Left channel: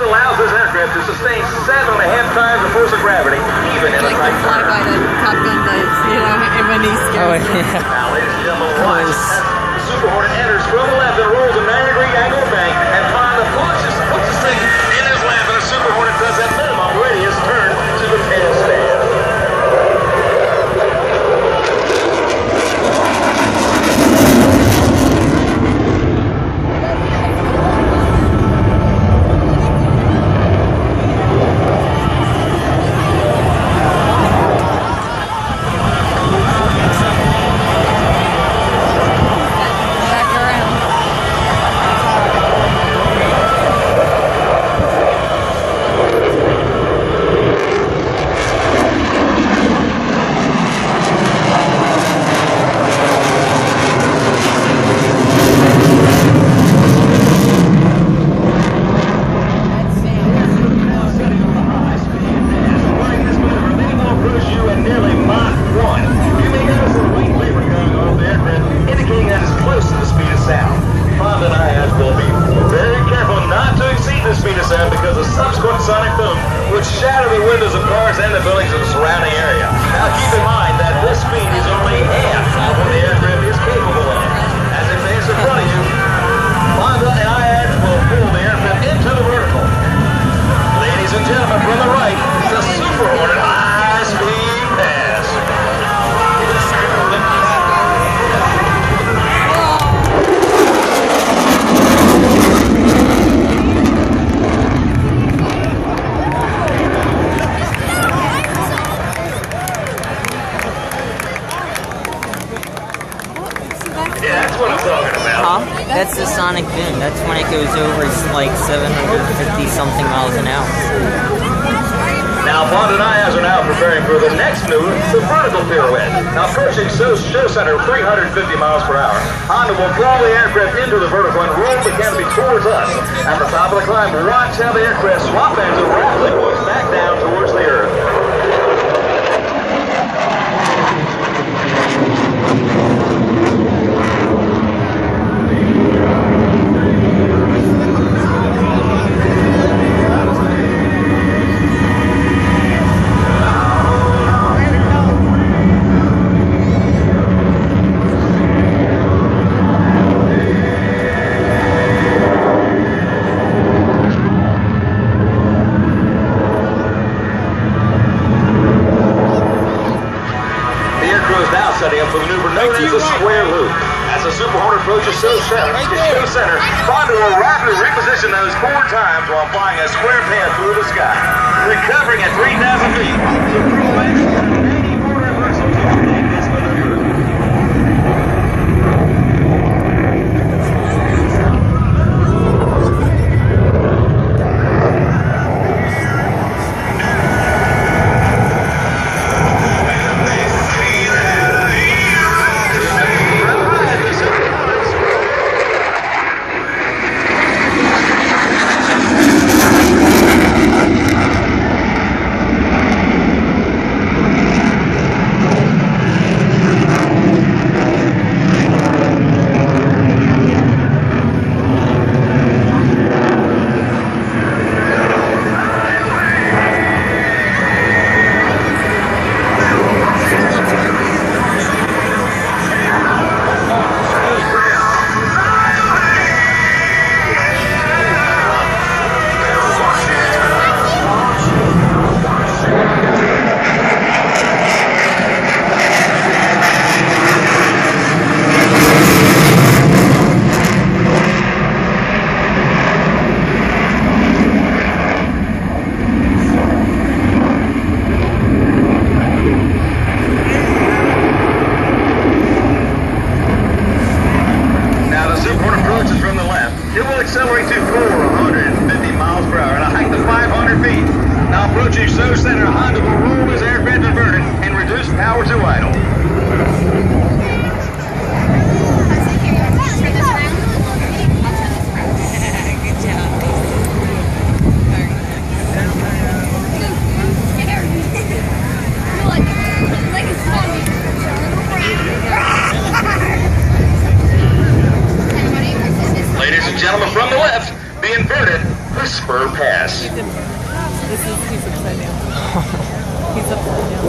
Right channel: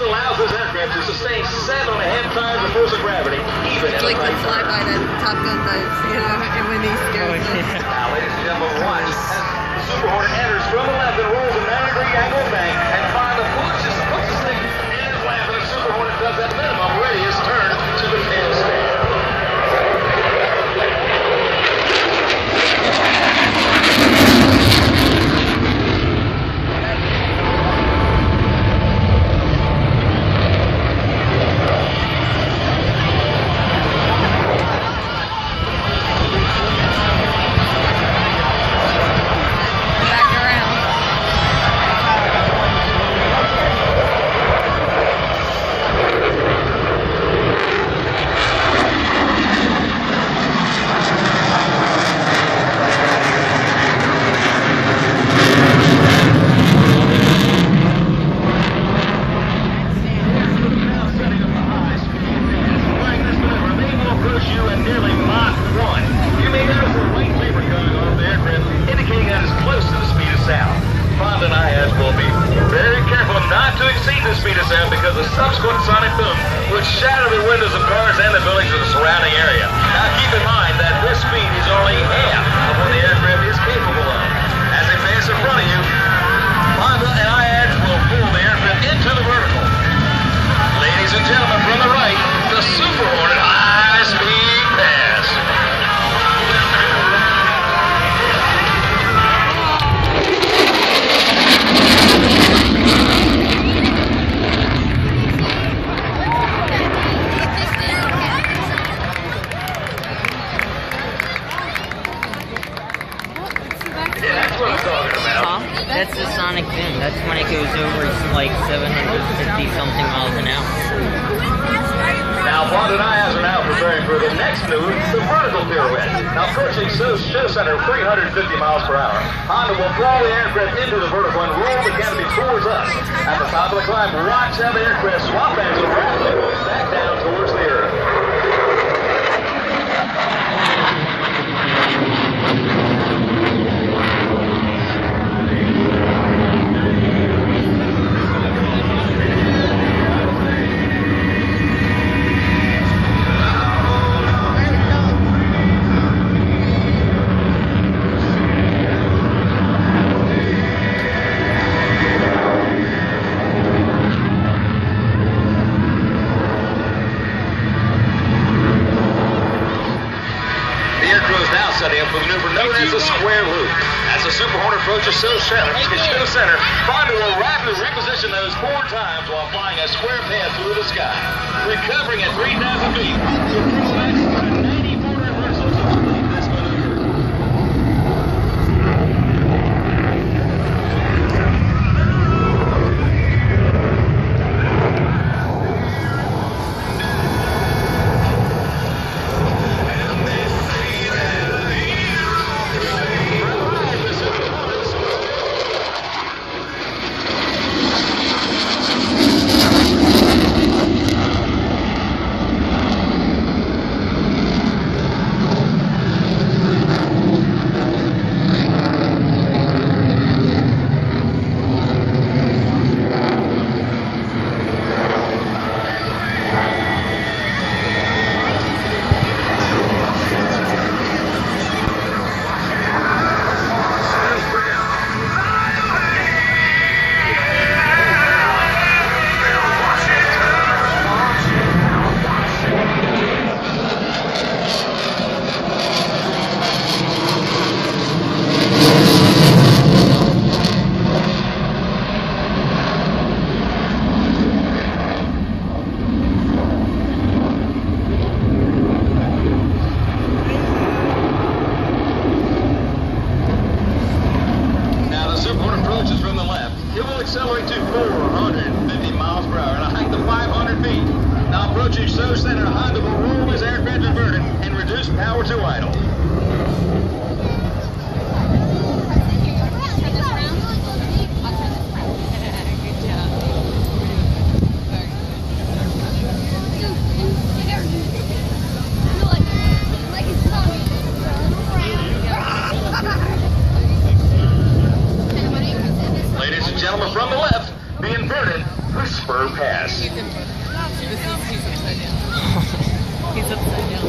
This allows this aircraft to sustain 7.5 times the force of gravity, even in like a the tight flyby that Top Gun does, you know, and when he scares me. Now, ladies and gentlemen, watch as the Super Hornet enters from the left and rolls a 90-degree angle bank and find the closest thing in his lap, and the Super Hornet does that minimum radius turn to the pin stand. Because a subsequent sonic boom would shatter the windows of cars and the buildings of the surrounding area. Now keep in mind that this speed is only half of what the aircraft is capable of. As it passes in front of you, Honda and IADS will pull the aircraft into the vertical. Ladies and gentlemen, from the right, the Super Hornet high-speed pass. Huh? That's the sonic boom. That's when it goes over like 750 something miles an hour. Now, Bond and I are now preparing for the next move, the vertical pirouette. Now, approaching show center 350 miles per hour. Honda will draw the aircraft into the vertical and roll the canopy towards us. At the top of the climb, watch how the aircraft swap ends and rapidly moves back down towards the earth. Setting up for the maneuver known as the square loop. As the Super Hornet approaches show center, Honda will rapidly reposition those 4 times while flying a square path through the sky. Recovering at 3,000 feet, the crew executes a 90-4 reversal to make this maneuver. overpass. He's upside down. He's upside down.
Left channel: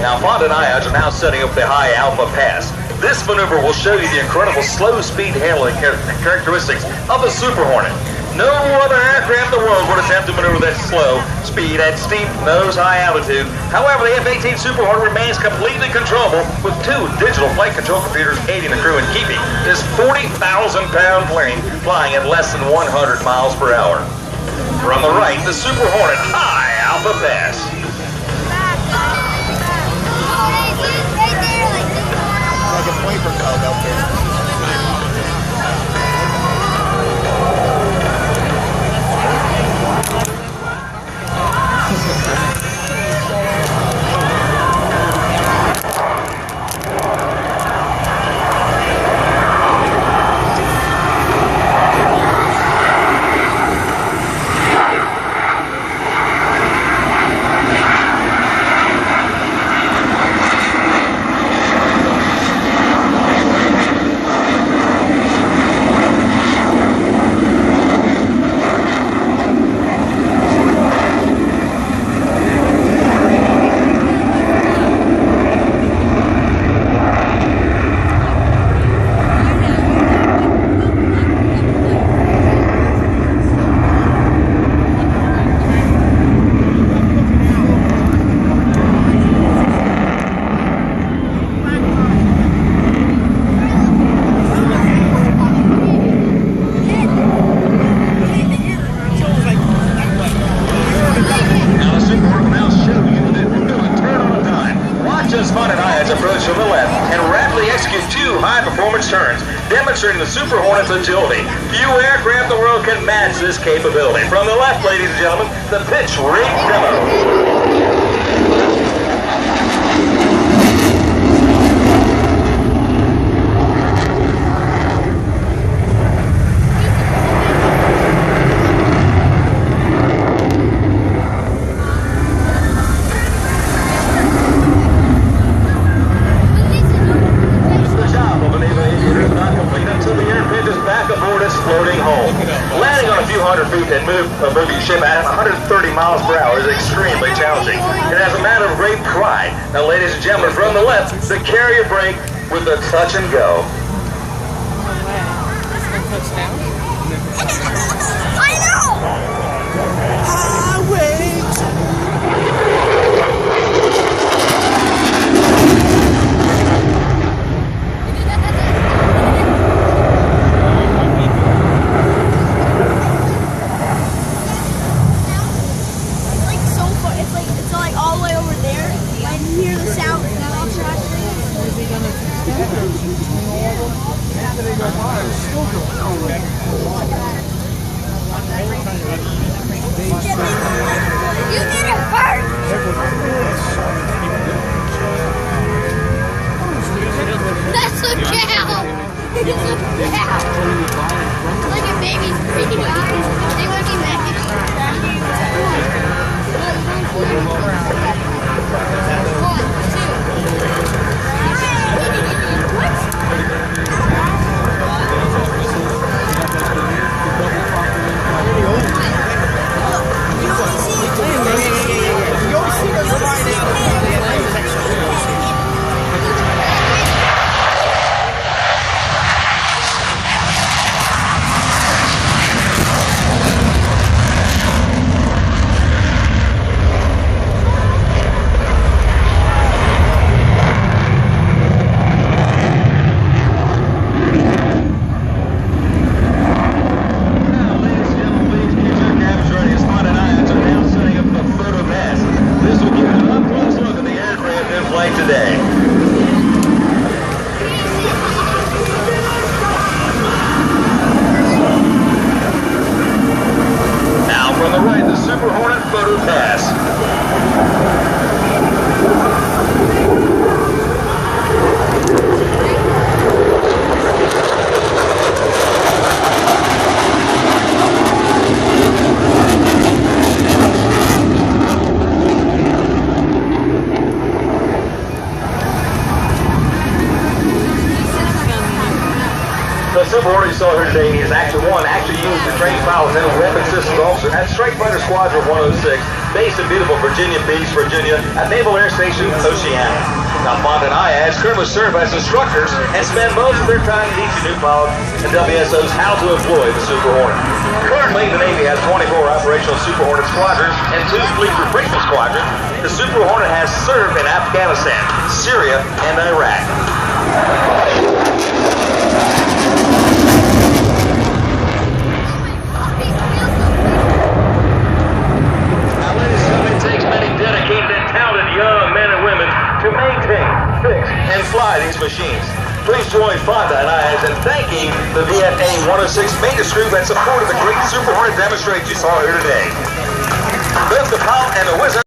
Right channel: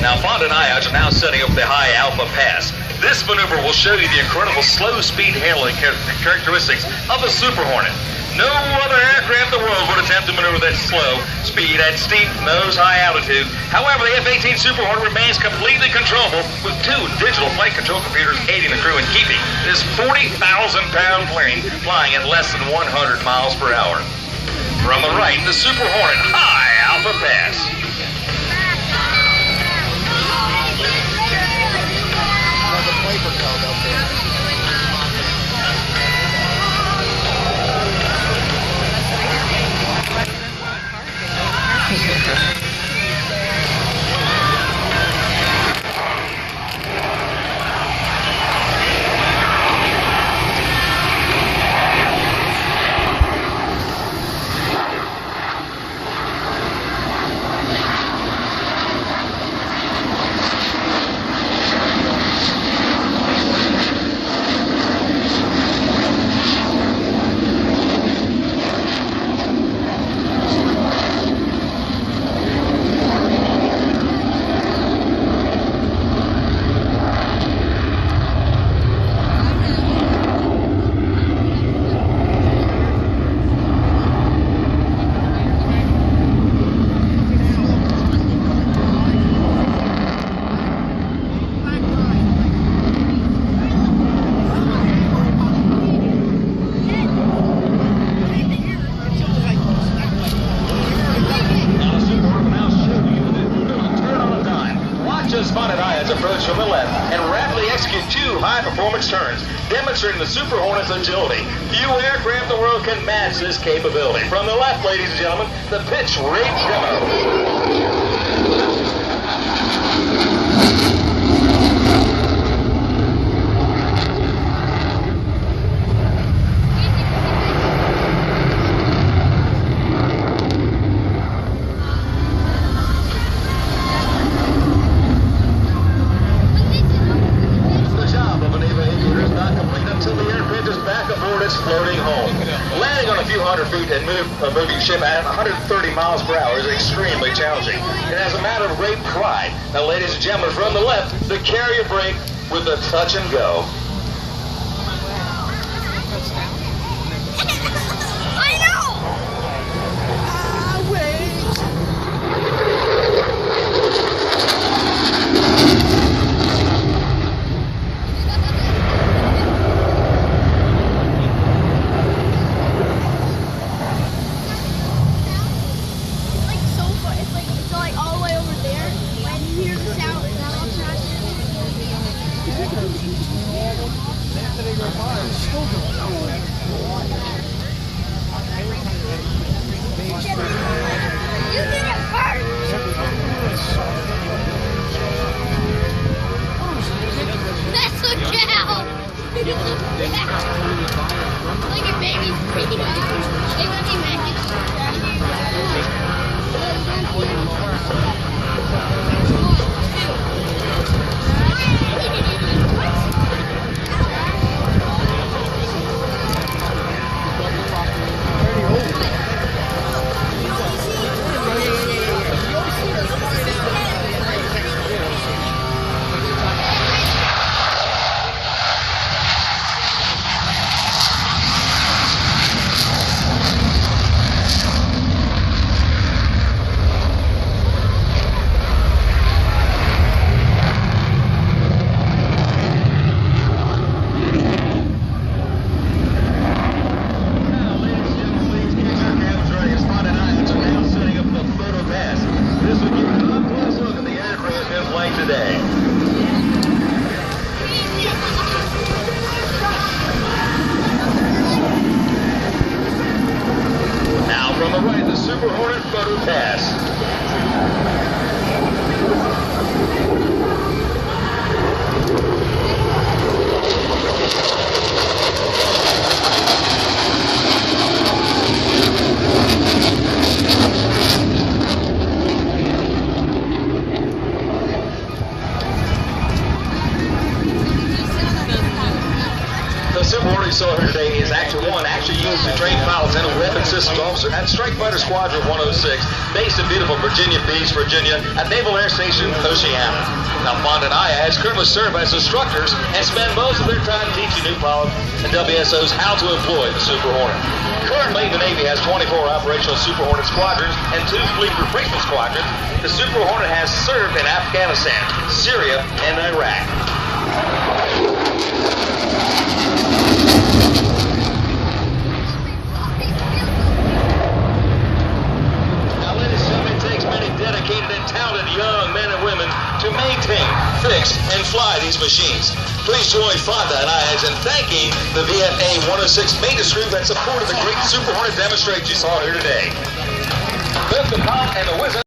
Now, Fonda and I are now setting up the high Alpha Pass. This maneuver will show you the incredible slow speed handling characteristics of the Super Hornet. No other aircraft in the world would attempt to maneuver that slow speed at steep nose high altitude. However, the F-18 Super Hornet remains completely controllable with 2 digital flight control computers aiding the crew in keeping this 40,000-pound plane flying at less than 100 miles per hour. From the right, the Super Hornet high Alpha Pass. Demonstrating the Super Hornet's agility. Few aircraft in the world can match this capability. From the left, ladies and gentlemen, the pitch rig demo. Moving ship at 130 miles per hour is extremely challenging. It has a matter of great pride. Now, ladies and gentlemen, from the left, the carrier brake with the touch and go. I know! Wait! Look at babies. They look The Super Hornet you saw here today is Actor 1, actually used to train pilots and a weapons systems officer at Strike Fighter Squadron 106, based in beautiful Virginia Beach, Virginia, at Naval Air Station Oceana. Now, Fonda and IADS currently serve as instructors and spend most of their time teaching new pilots and WSOs how to employ the Super Hornet. Currently, the Navy has 24 operational Super Hornet squadrons and 2 fleet replacement squadrons. The Super Hornet has served in Afghanistan, Syria, and Iraq. To maintain, fix, and fly these machines. Please join Fonda and IADS in thanking the VFA 106 maintenance crew that supported the great Super Hornet demonstration you saw here today. Both the pilot and the wizard